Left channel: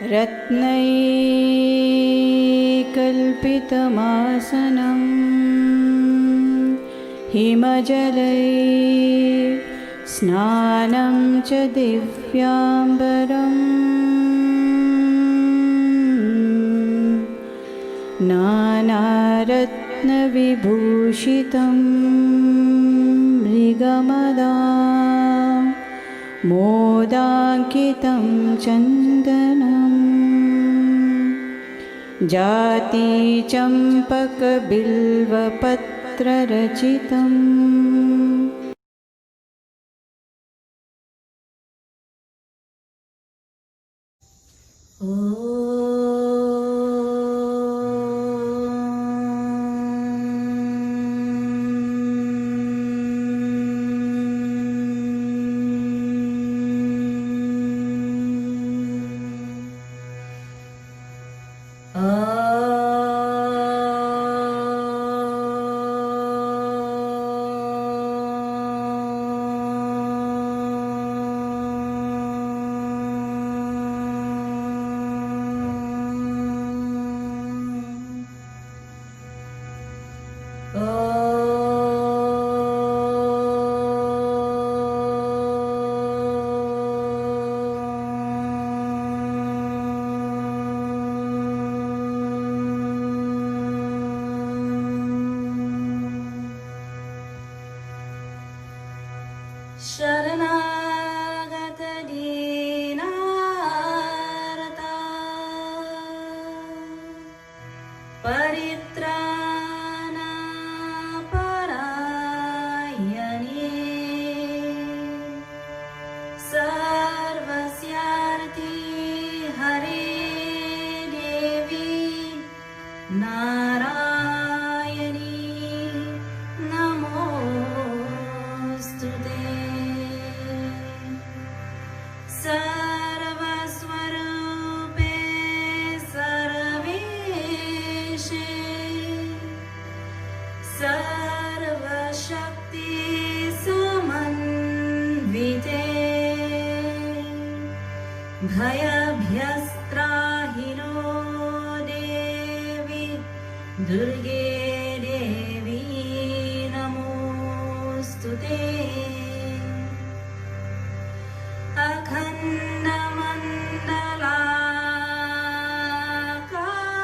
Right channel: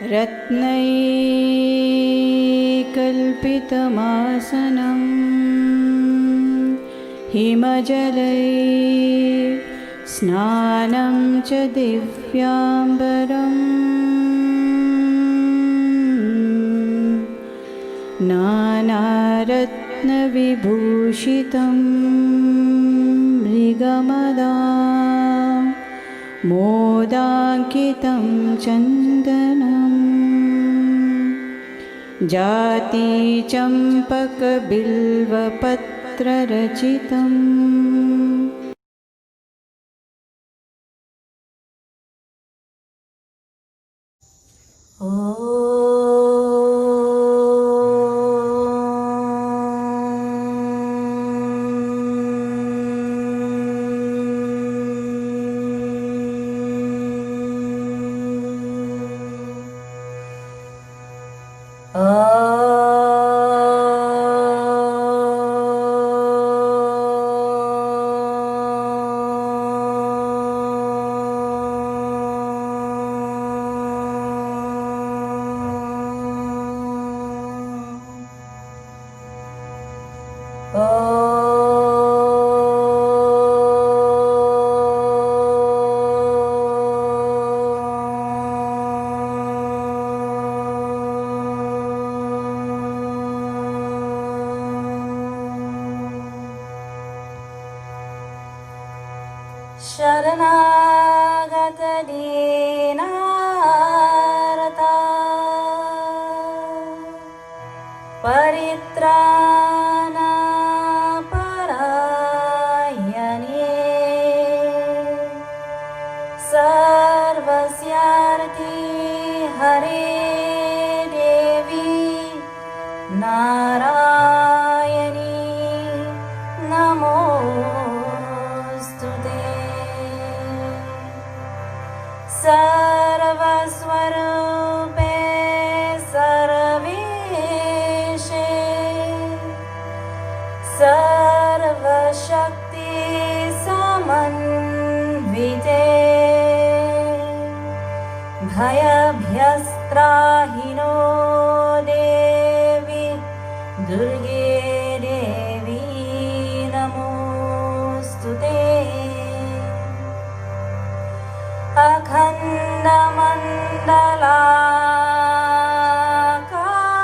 रत्नैकल्पितमासनं हिमजलै स्नानं च दिव्याम्बरम् नानारत्नविभूषितं मृगमदा मोदाङ्कितं चन्दनम् जातिचम्पकबिल्वपत्ररचितम् शरणागतदीनार्ता परित्राणपरायणे सर्वस्यार्थे हरे देवी नारायणी नमोस्तुते। सर्वस्वरूपे सर्वेशे सर्वशक्ति समन्विते भयभ्यस्त्राहिनो देवी दुर्गे देवी नमोस्तुते।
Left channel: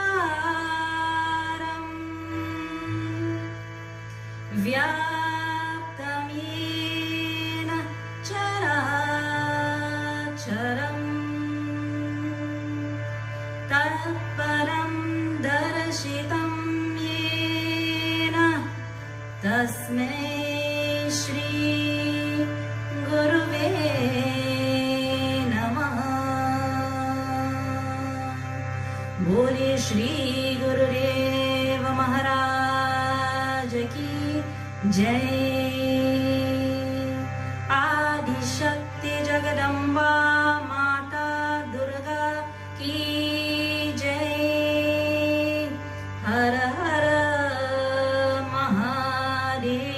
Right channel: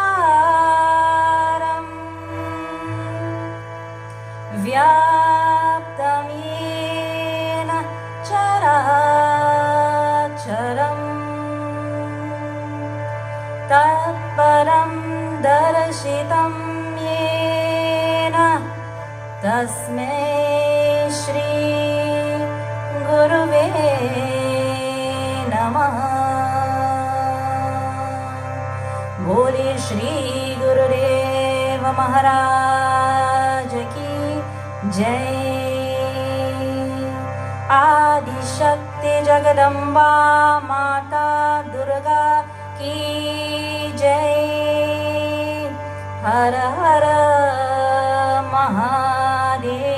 अखण्डमण्डलाकारं व्याप्तं येन चराचरं तत्परं दर्शितं येन तस्मै श्री गुरुवे नमः। बोले श्री गुरुदेव महाराज की जय। आदिशक्ति जगदम्बा माता दुर्गा की जय। हर हर Mahadev.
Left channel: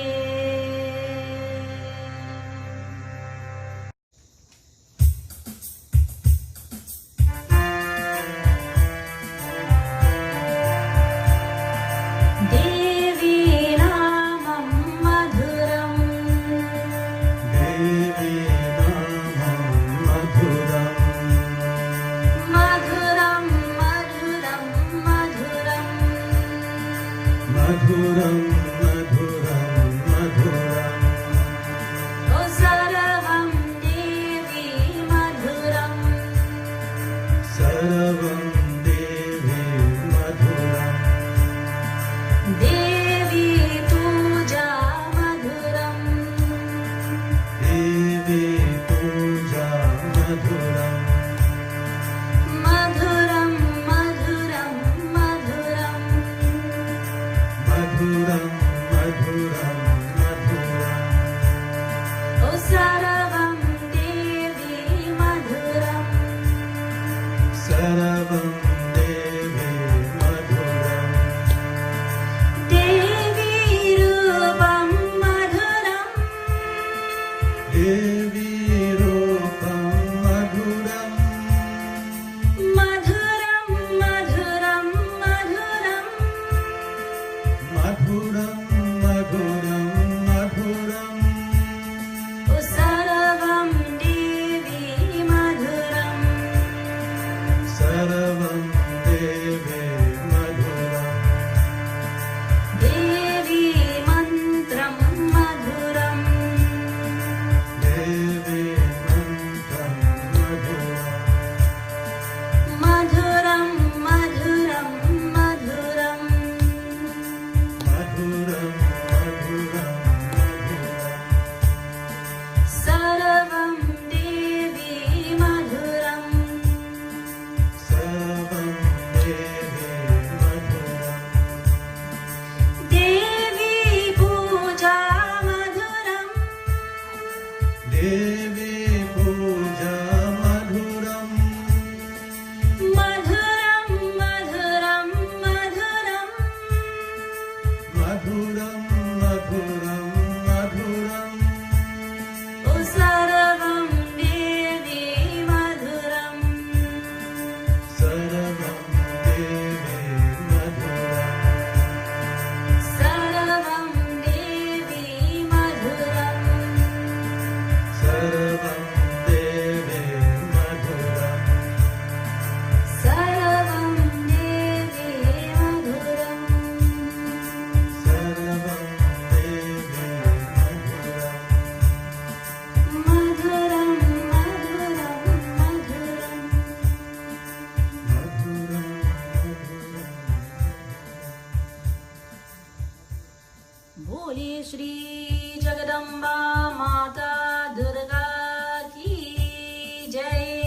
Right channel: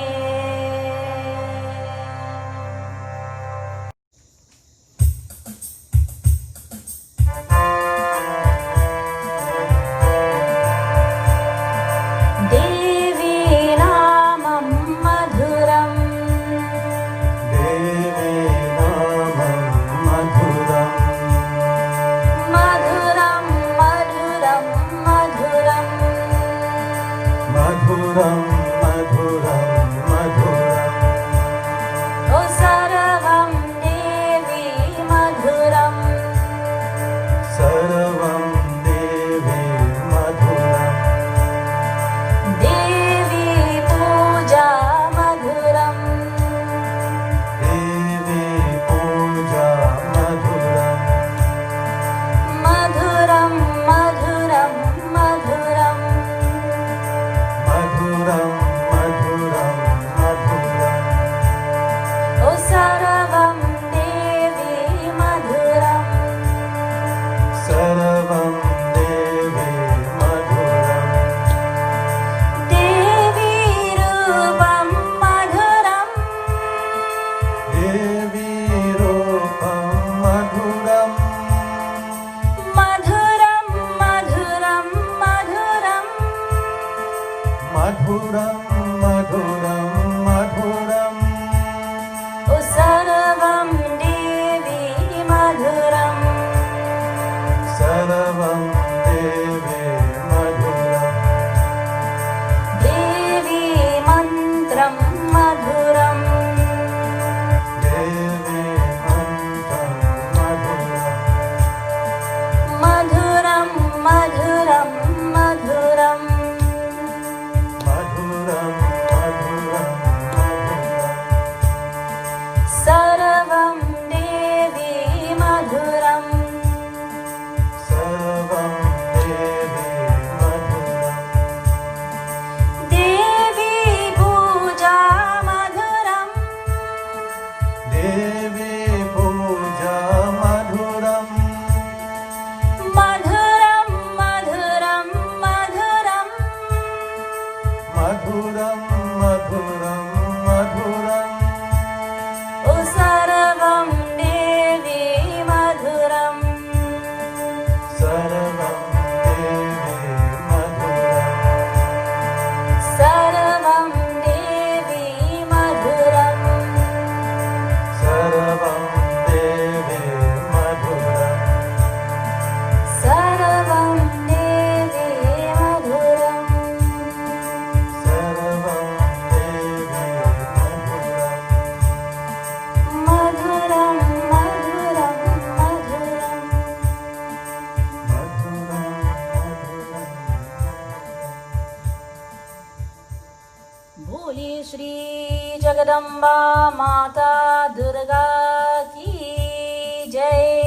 Jagadamba Mata Durga Ki Jai.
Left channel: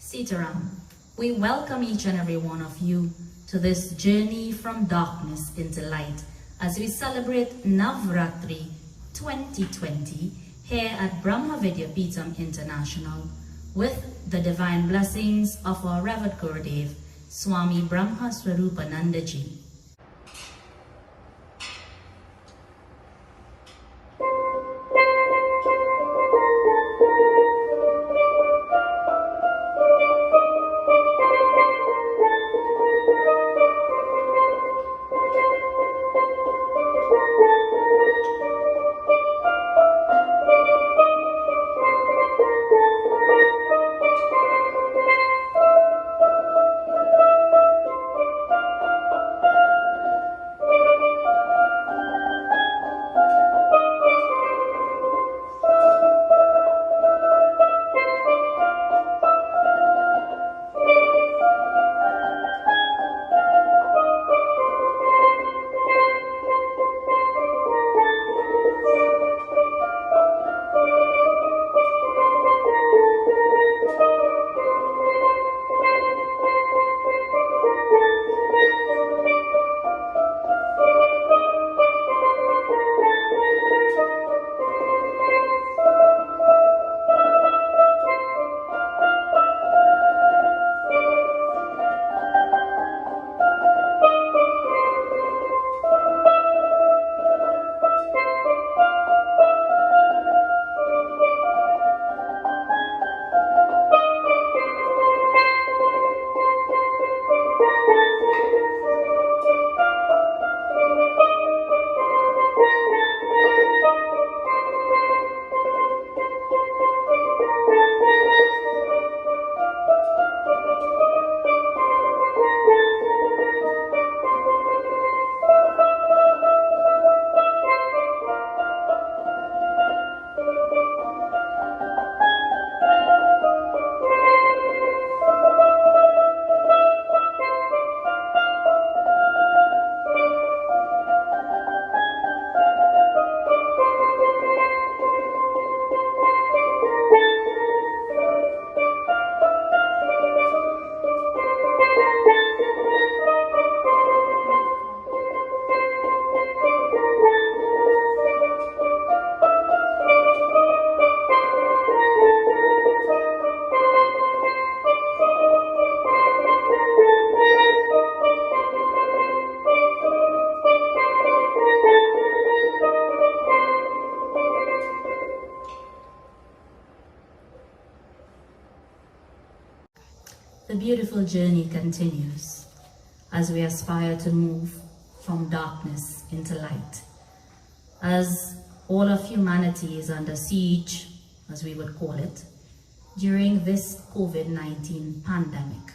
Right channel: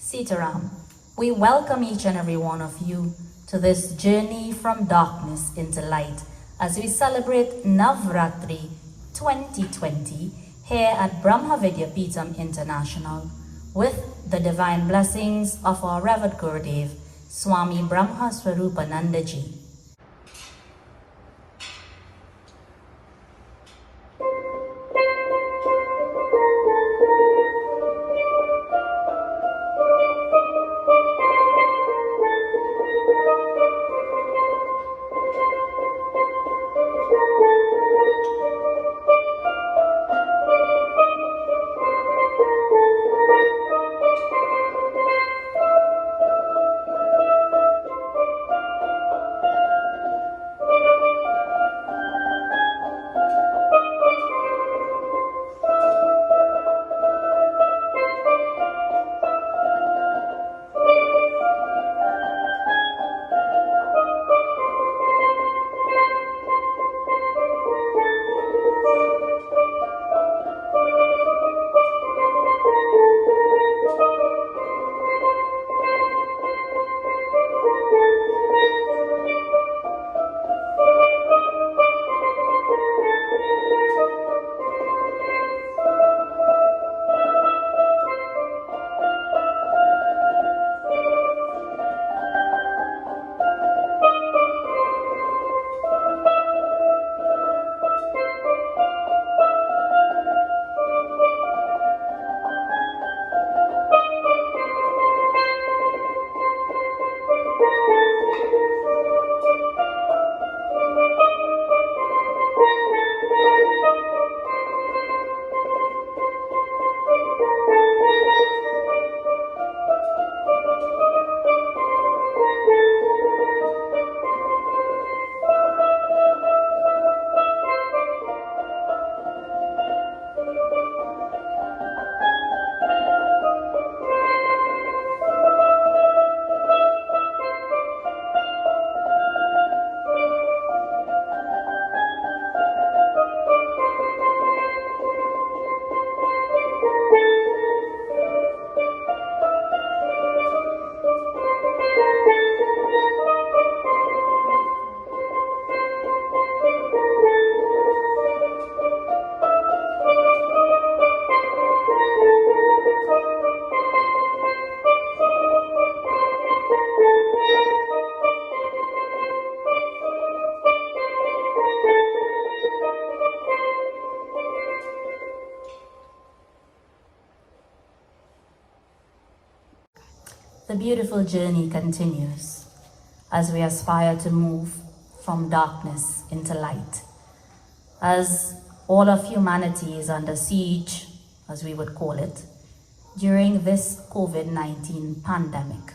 Sitaram, we welcome each and every one of you to this journey from darkness into light as we celebrate Navratri 2020 here at Brahma Vidya Peetham International with the divine blessings of our Revered Gurudev, Swami Brahma Swarupananda Ji. The beautiful journey continues as we aspire to move from darkness into light. As all of humanity is under siege, as we would call it, during this COVID-19 pandemic.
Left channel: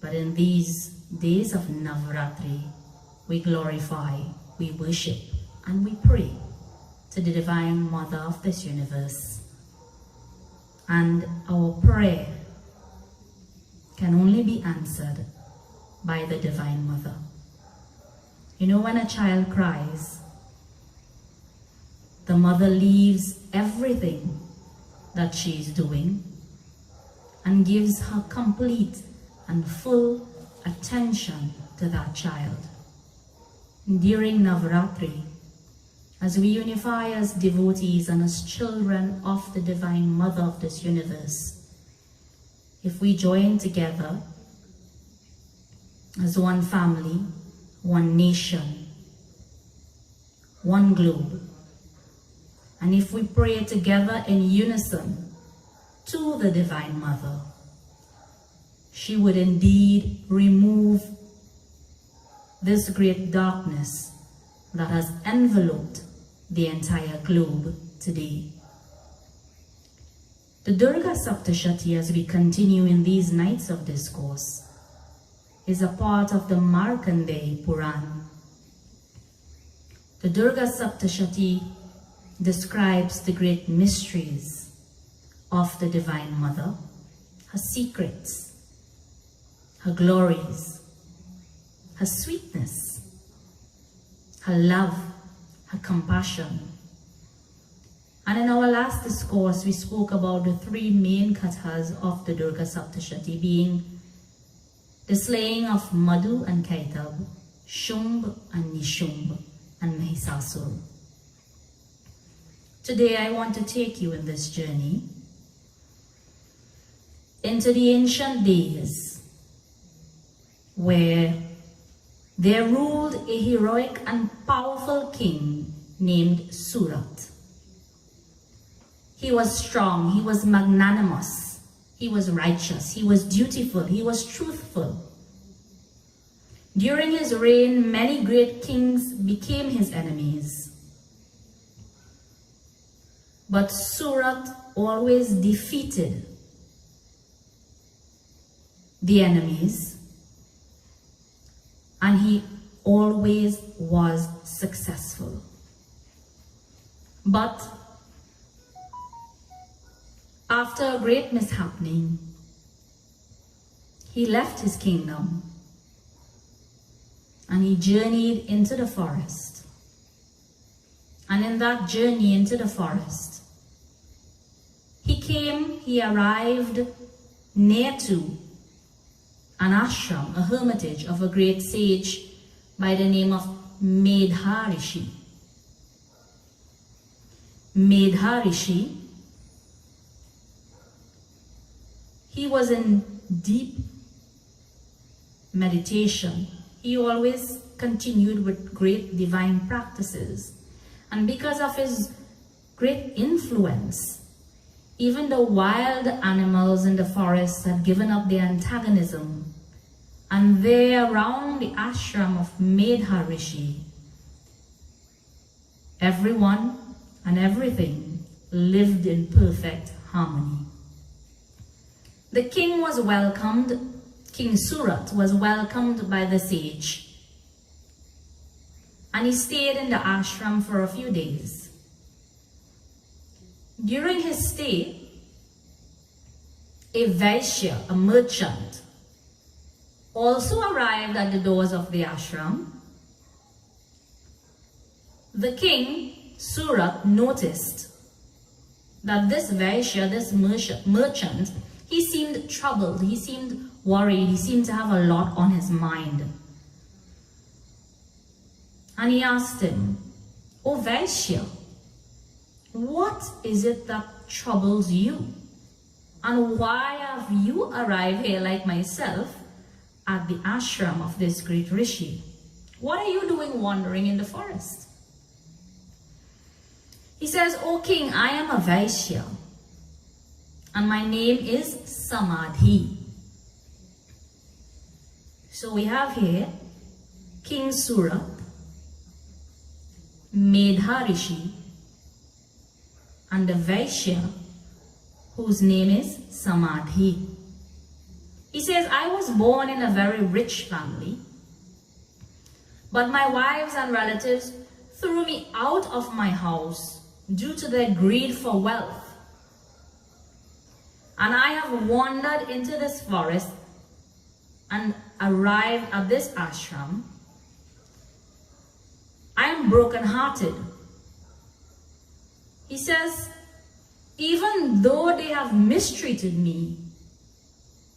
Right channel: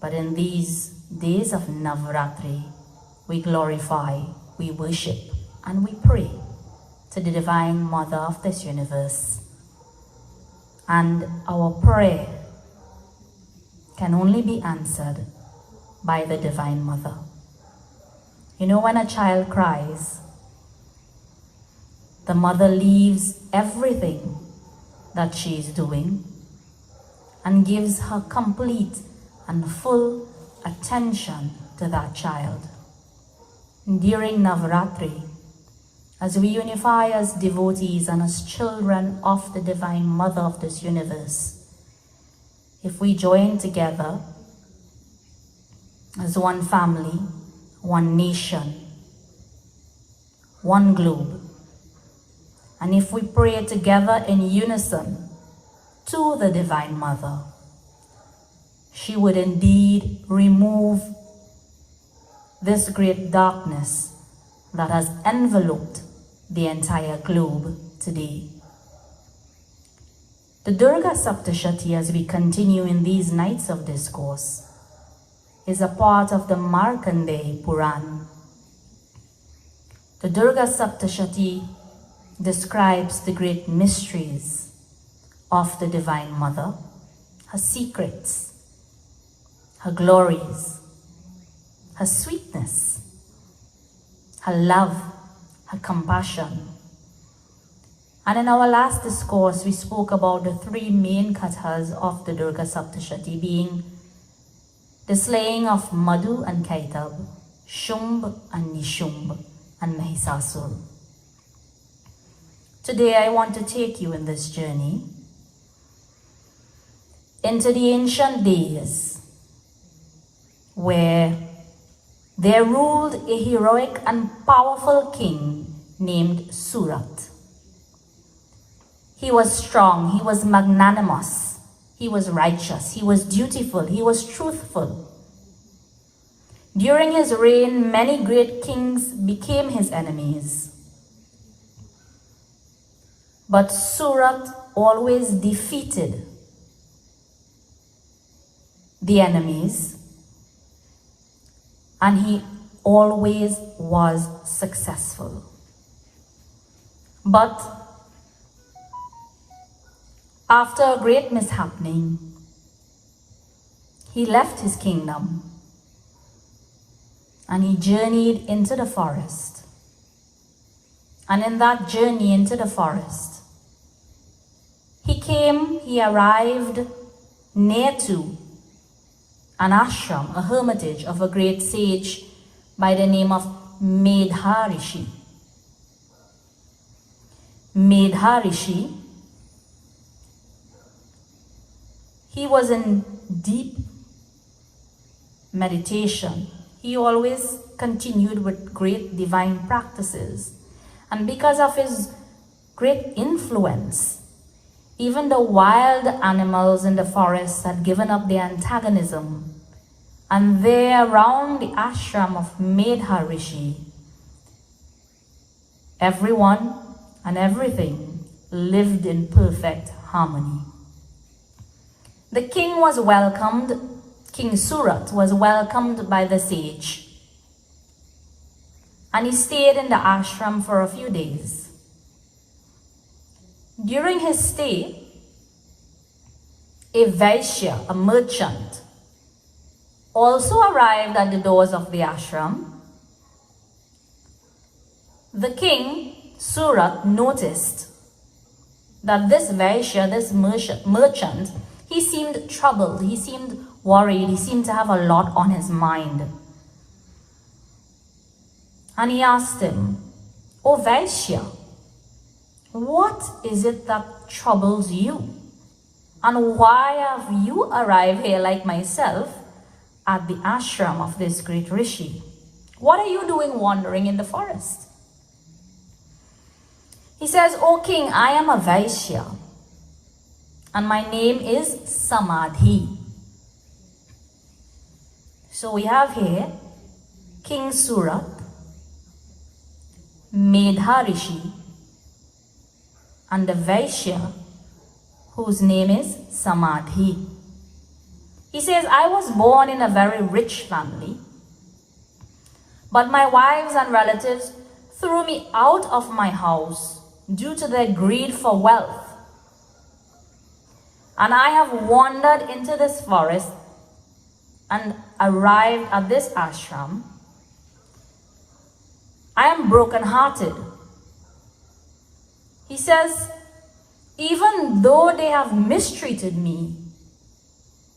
But in these days of Navratri, we glorify, we worship, and we pray to the Divine Mother of this universe. And our prayer can only be answered by the Divine Mother. You know, when a child cries, the mother leaves everything that she is doing and gives her complete and full attention to that child. During Navratri, as we unify as devotees and as children of the Divine Mother of this universe, if we join together as one family, one nation, one globe, and if we pray together in unison to the Divine Mother, she would indeed remove this great darkness that has enveloped the entire globe today. The Durga Saptashati, as we continue in these nights of discourse, is a part of the Markandeya Puran. The Durga Saptashati describes the great mysteries of the Divine Mother, her secrets, her glories, her sweetness, her love, her compassion. And in our last discourse, we spoke about the three main kathas of the Durga Saptashati, being the slaying of Madhu and Kaitab, Shumb and Nishumb, and Mahisasur. Today I want to take you in this journey into the ancient days where there ruled a heroic and powerful king named Surat. He was strong, he was magnanimous, he was righteous, he was dutiful, he was truthful. During his reign, many great kings became his enemies. But Surat always defeated the enemies, and he always was successful. But after a great mishappening, he left his kingdom and he journeyed into the forest. And in that journey into the forest, he arrived near to an ashram, a hermitage of a great sage by the name of Medharishi. Medharishi, he was in deep meditation. He always continued with great divine practices. And because of his great influence, even the wild animals in the forest had given up their antagonism. And there around the ashram of Medharishi, everyone and everything lived in perfect harmony. The king was welcomed, King Surat was welcomed by the sage. And he stayed in the ashram for a few days. During his stay, a Vaishya, a merchant, also arrived at the doors of the ashram. The king, Surat, noticed that this Vaishya, this merchant, he seemed troubled, he seemed worried, he seemed to have a lot on his mind. And he asked him, "O Vaishya, what is it that troubles you? And why have you arrived here like myself at the ashram of this great rishi? What are you doing wandering in the forest?" He says, "O king, I am a Vaishya and my name is Samadhi." So we have here King Surat, Medharishi, and the Vaishya whose name is Samadhi. He says, "I was born in a very rich family, but my wives and relatives threw me out of my house due to their greed for wealth. And I have wandered into this forest and arrived at this ashram. I am broken-hearted." He says, "Even though they have mistreated me,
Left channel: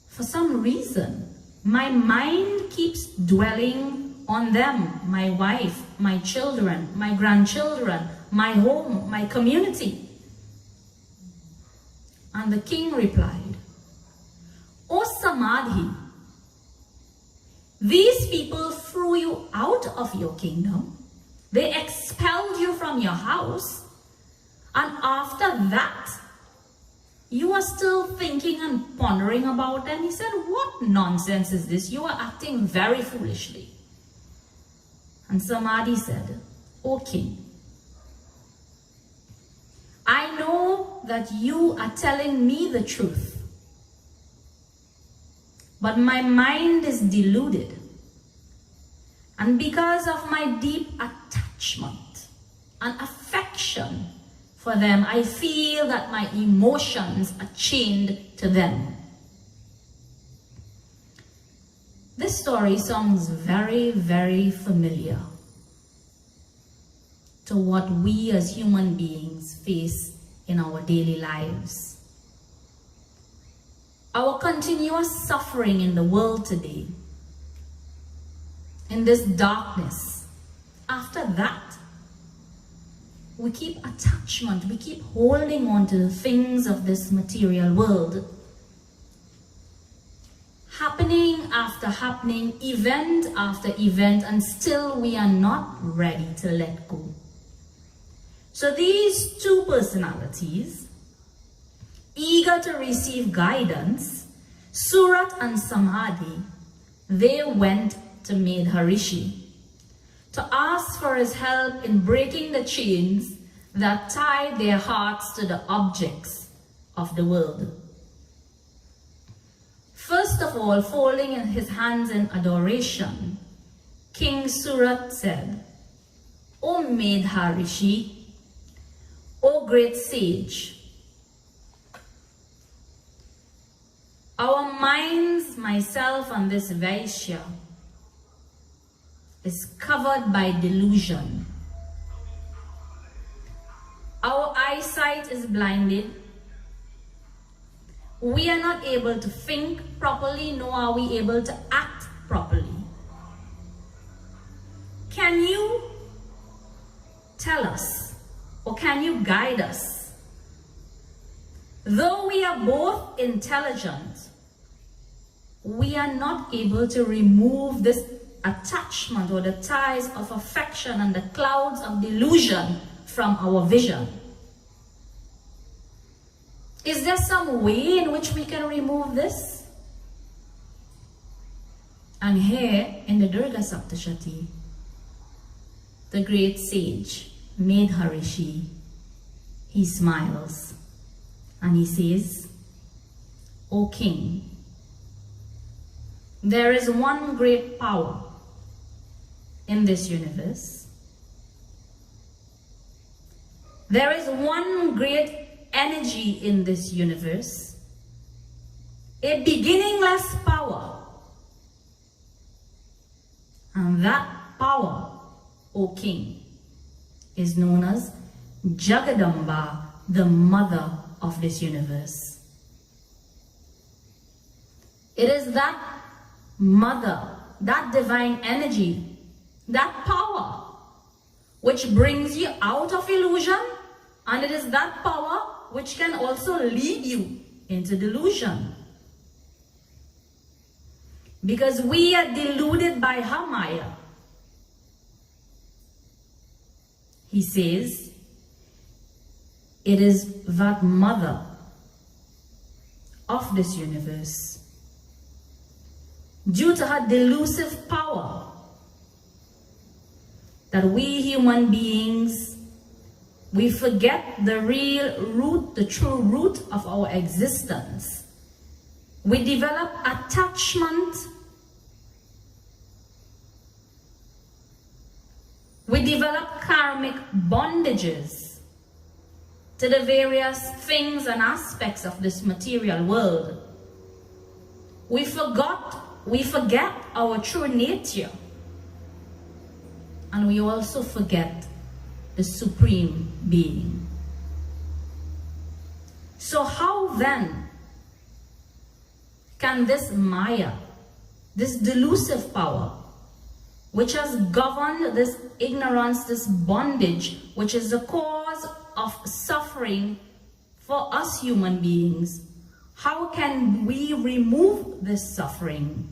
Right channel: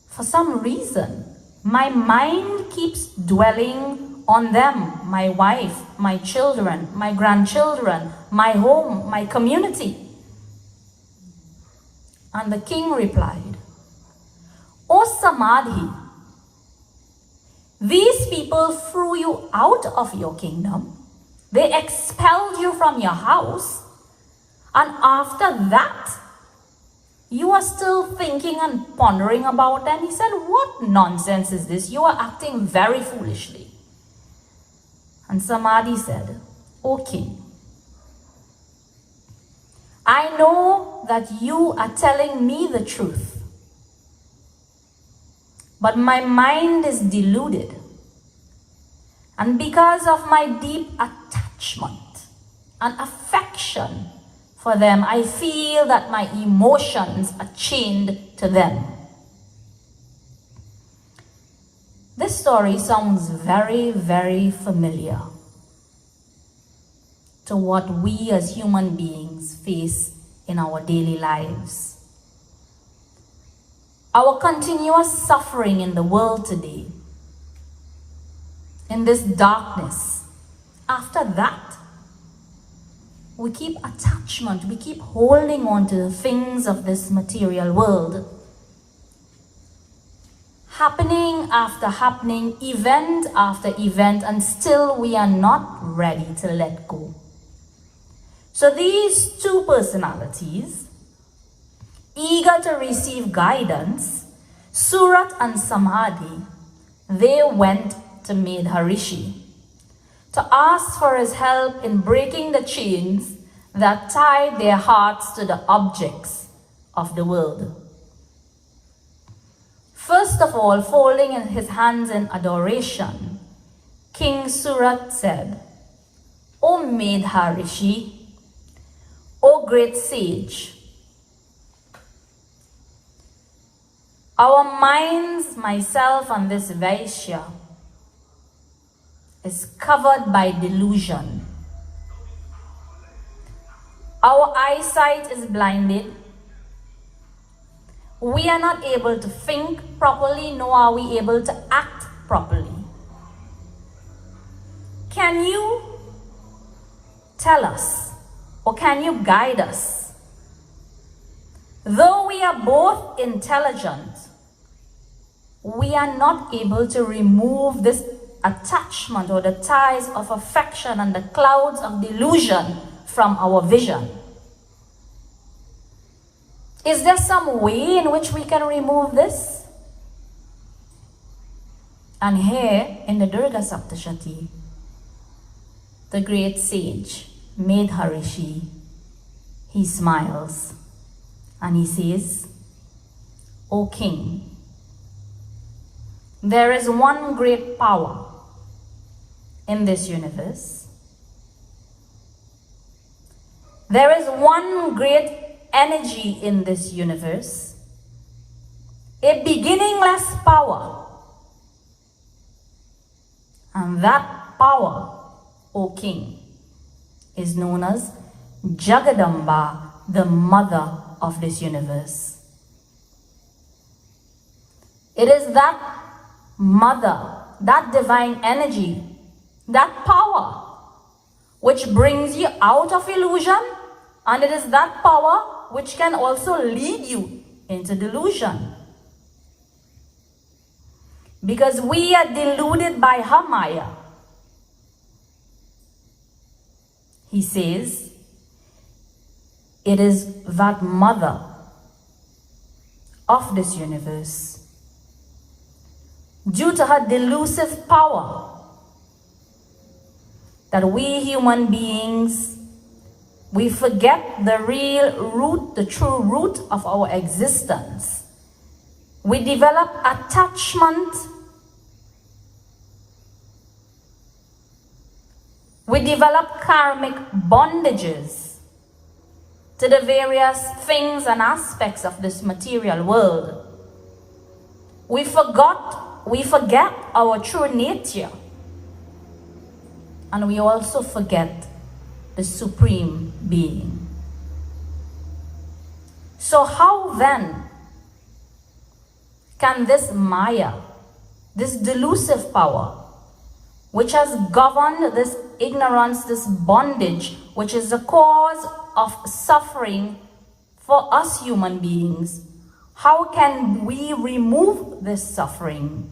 for some reason, my mind keeps dwelling on them, my wife, my children, my grandchildren, my home, my community." And the king replied, "O Samadhi, these people threw you out of your kingdom. They expelled you from your house. And after that, you are still thinking and pondering about them." He said, "What nonsense is this? You are acting very foolishly." And Samadhi said, "O king, I know that you are telling me the truth, but my mind is deluded. And because of my deep attachment and affection for them, I feel that my emotions are chained to them." This story sounds very, very familiar. to what we as human beings face in our daily lives. Our continuous suffering in the world today, in this darkness, after that, we keep attachment, we keep holding on to the things of this material world. Happening after happening, event after event, and still we are not ready to let go. So these two personalities, eager to receive guidance, Surat and Samadhi, they went to Maharishi to ask for his help in breaking the chains that tied their hearts to the objects of the world. First of all, folding in his hands in adoration, King Surat said, "O Maharishi, O great sage, our minds, myself and this Vaishya, is covered by delusion. Our eyesight is blinded. We are not able to think properly, nor are we able to act properly. Can you tell us, or can you guide us? Though we are both intelligent, we are not able to remove this attachment or the ties of affection and the clouds of delusion from our vision. Is there some way in which we can remove this?" And here in the Durga Saptashati, the great sage, Maharishi, he smiles and he says, "O king, there is one great power in this universe. There is one great energy in this universe, a beginningless power. And that power, O king, is known as Jagadamba, the mother of this universe. It is that mother, that divine energy, that power which brings you out of illusion, and it is that power which can also lead you into delusion. Because we are deluded by her Maya." He says, it is that mother of this universe, due to her delusive power, that we human beings, we forget the real root, the true root of our existence. We develop attachment. We develop karmic bondages to the various things and aspects of this material world. We forget our true nature. And we also forget the Supreme Being. So how then can this Maya, this delusive power, which has governed this ignorance, this bondage, which is the cause of suffering for us human beings, how can we remove this suffering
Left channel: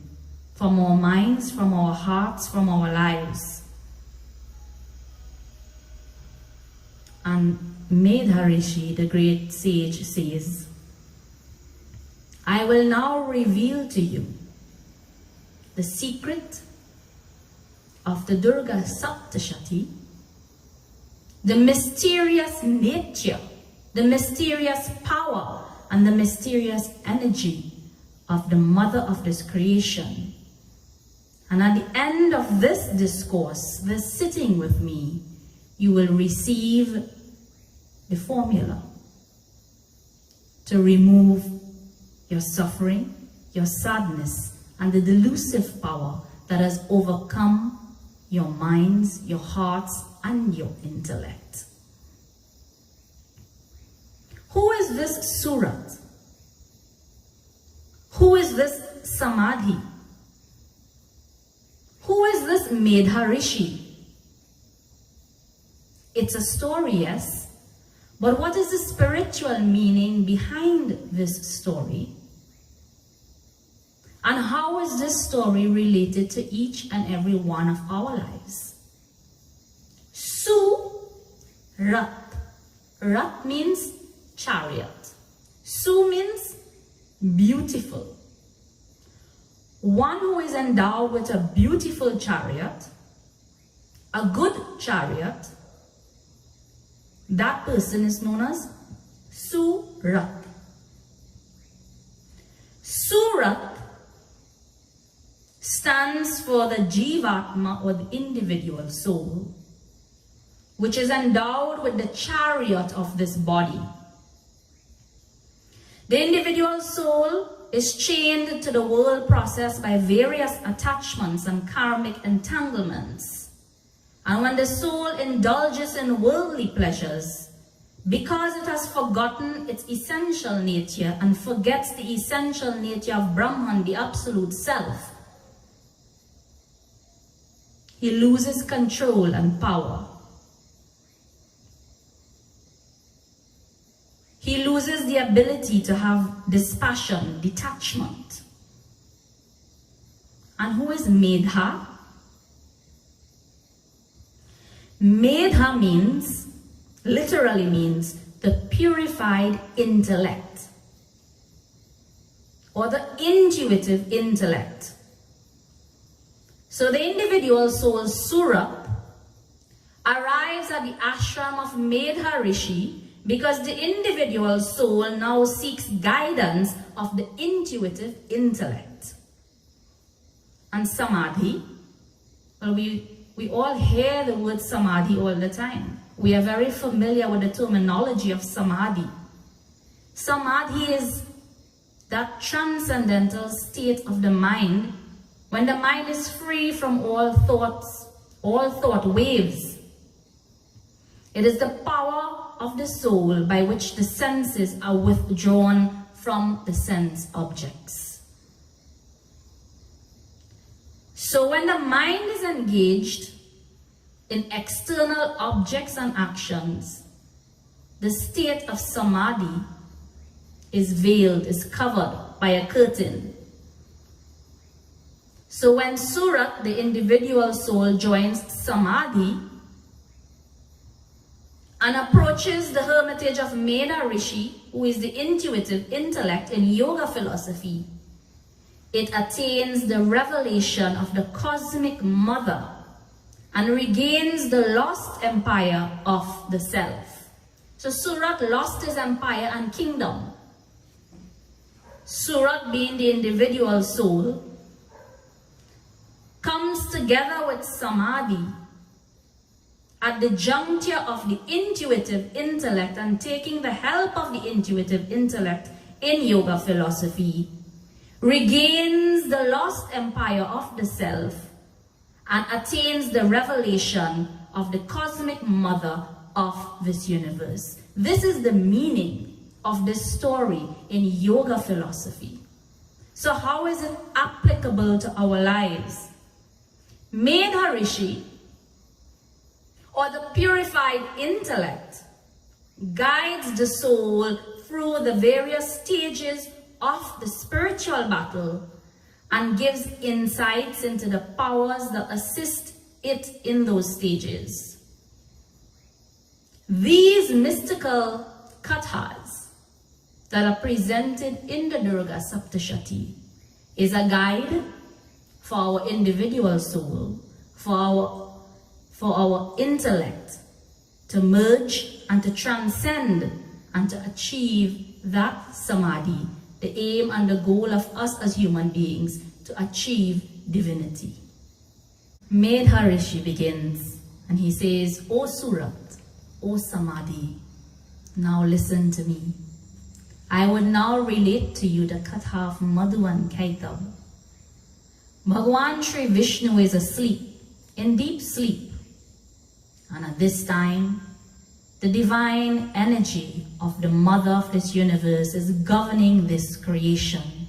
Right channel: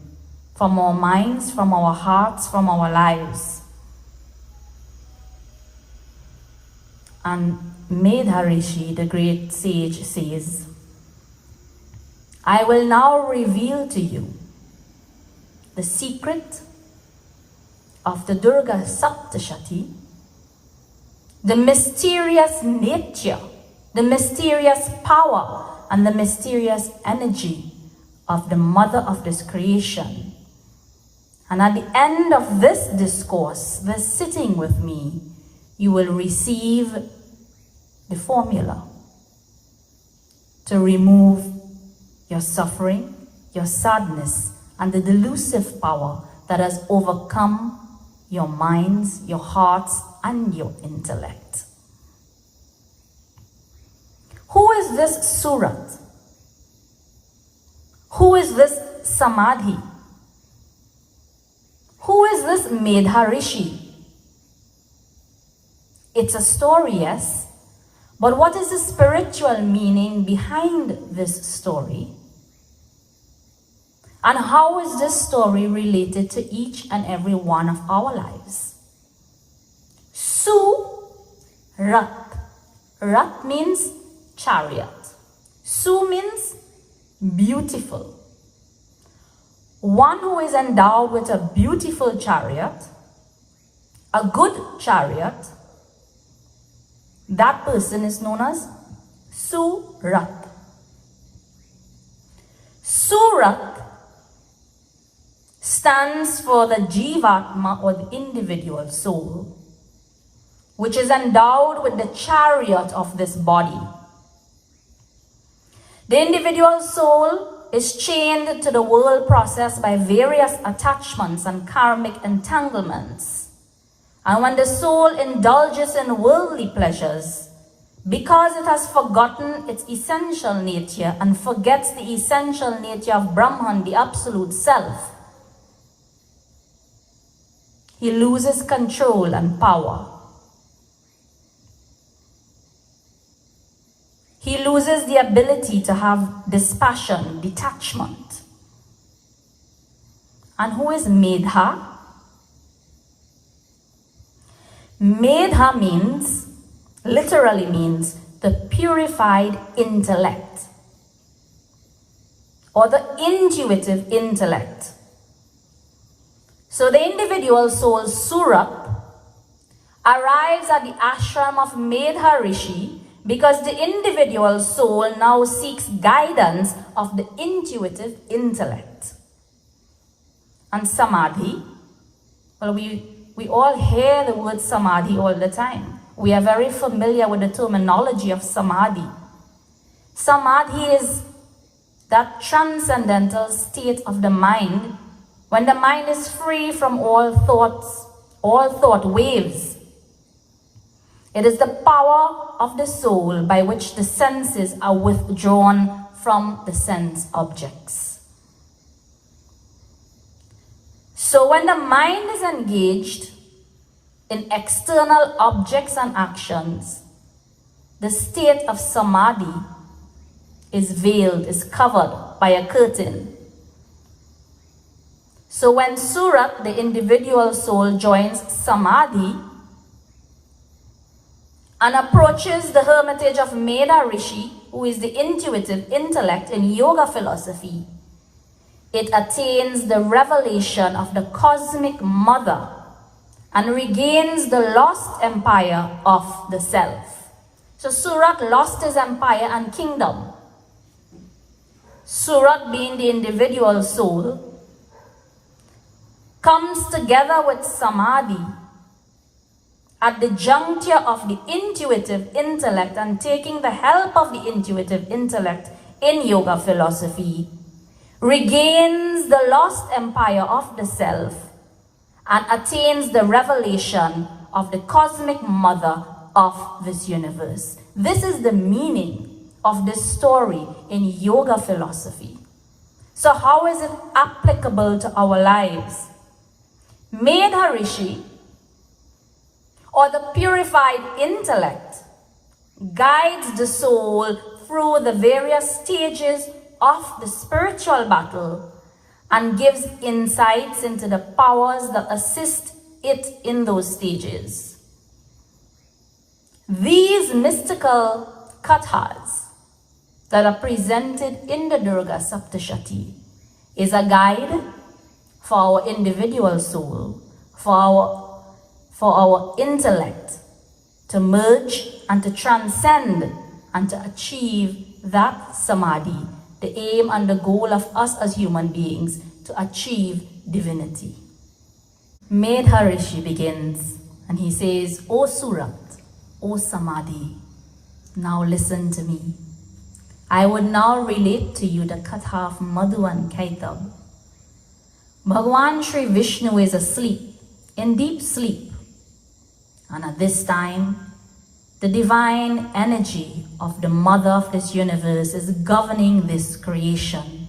from our minds, from our hearts, from our lives? And Maharishi, the great sage, says, "I will now reveal to you the secret of the Durga Saptashati, the mysterious nature, the mysterious power, and the mysterious energy of the mother of this creation. And at the end of this discourse, this sitting with me, you will receive the formula to remove your suffering, your sadness, and the delusive power that has overcome your minds, your hearts, and your intellect. Who is this Surat? Who is this Samadhi? Who is this Medha Rishi? It's a story, yes, but what is the spiritual meaning behind this story? And how is this story related to each and every one of our lives? Surat. Rat means chariot. Su means beautiful. One who is endowed with a beautiful chariot, a good chariot, that person is known as Surat. Surat stands for the Jivatma, or the individual soul, which is endowed with the chariot of this body. The individual soul is chained to the world process by various attachments and karmic entanglements. And when the soul indulges in worldly pleasures, because it has forgotten its essential nature and forgets the essential nature of Brahman, the absolute self, he loses control and power. He loses the ability to have dispassion, detachment. And who is Medha? Medha means, literally means, the purified intellect, or the intuitive intellect. So the individual soul Surat arrives at the ashram of Medha Rishi because the individual soul now seeks guidance of the intuitive intellect. And Samadhi, well, we all hear the word Samadhi all the time. We are very familiar with the terminology of Samadhi. Samadhi is that transcendental state of the mind when the mind is free from all thoughts, all thought waves. It is the power of the soul by which the senses are withdrawn from the sense objects. So when the mind is engaged in external objects and actions, the state of Samadhi is veiled, is covered by a curtain. So when Surat, the individual soul, joins Samadhi and approaches the hermitage of Medha Rishi, who is the intuitive intellect in yoga philosophy, it attains the revelation of the cosmic mother and regains the lost empire of the self. So Surat lost his empire and kingdom. Surat, being the individual soul, comes together with Samadhi at the juncture of the intuitive intellect, and taking the help of the intuitive intellect in yoga philosophy, regains the lost empire of the self and attains the revelation of the cosmic mother of this universe. This is the meaning of this story in yoga philosophy. So how is it applicable to our lives? Medha Rishi, or the purified intellect, guides the soul through the various stages of the spiritual battle and gives insights into the powers that assist it in those stages. These mystical kathas that are presented in the Durga Saptashati is a guide for our individual soul, for our intellect to merge and to transcend and to achieve that Samadhi, the aim and the goal of us as human beings to achieve divinity. Medha Rishi begins and he says, O Surat, O Samadhi, now listen to me. I would now relate to you the Katha of Madhu and Kaitab. Bhagavan Sri Vishnu is asleep, in deep sleep, And at this time, the divine energy of the Mother of this universe is governing this creation.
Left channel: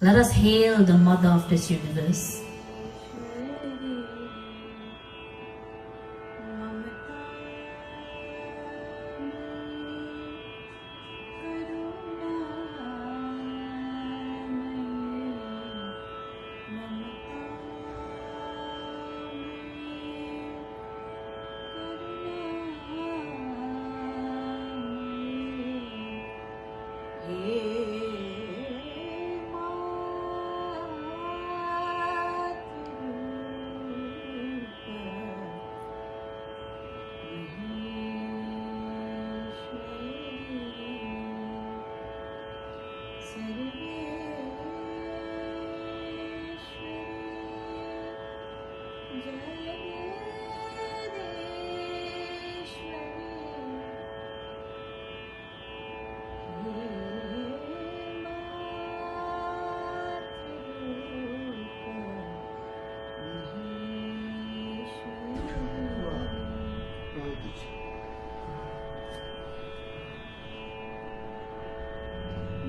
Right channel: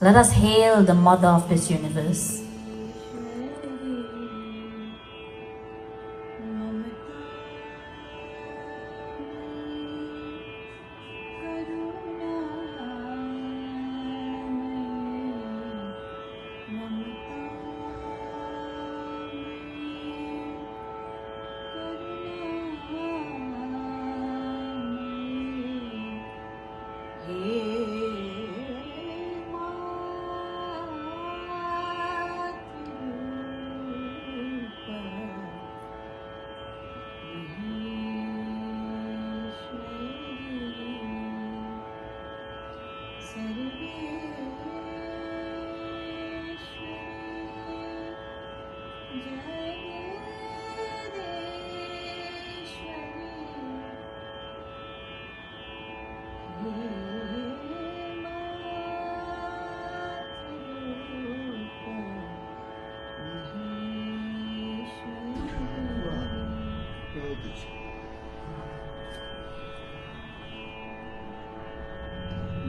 Let us hail the Mother of this universe.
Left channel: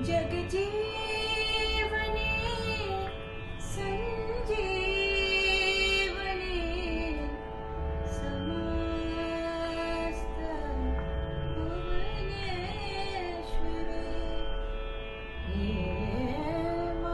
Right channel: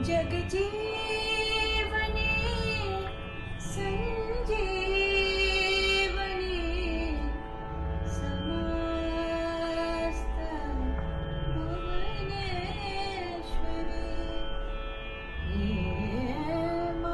जग जीवनी संजीवनी समस्त भुवनेश्वरी हे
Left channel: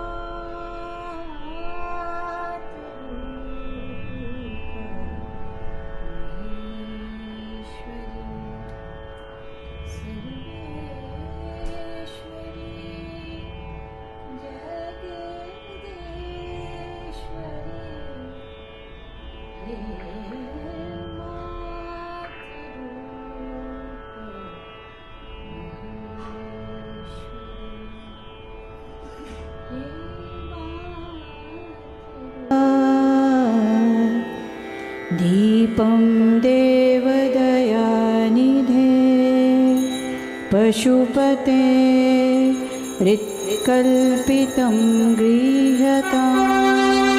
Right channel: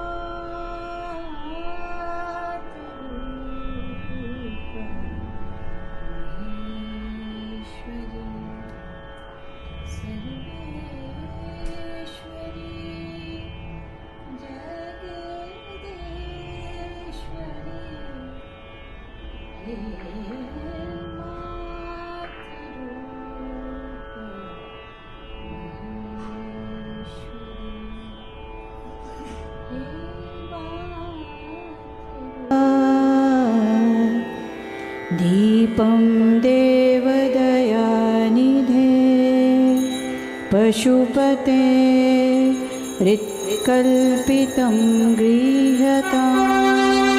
दीपं देवदयानिधे पशुपते हृत्कल्पितं गृह्यताम्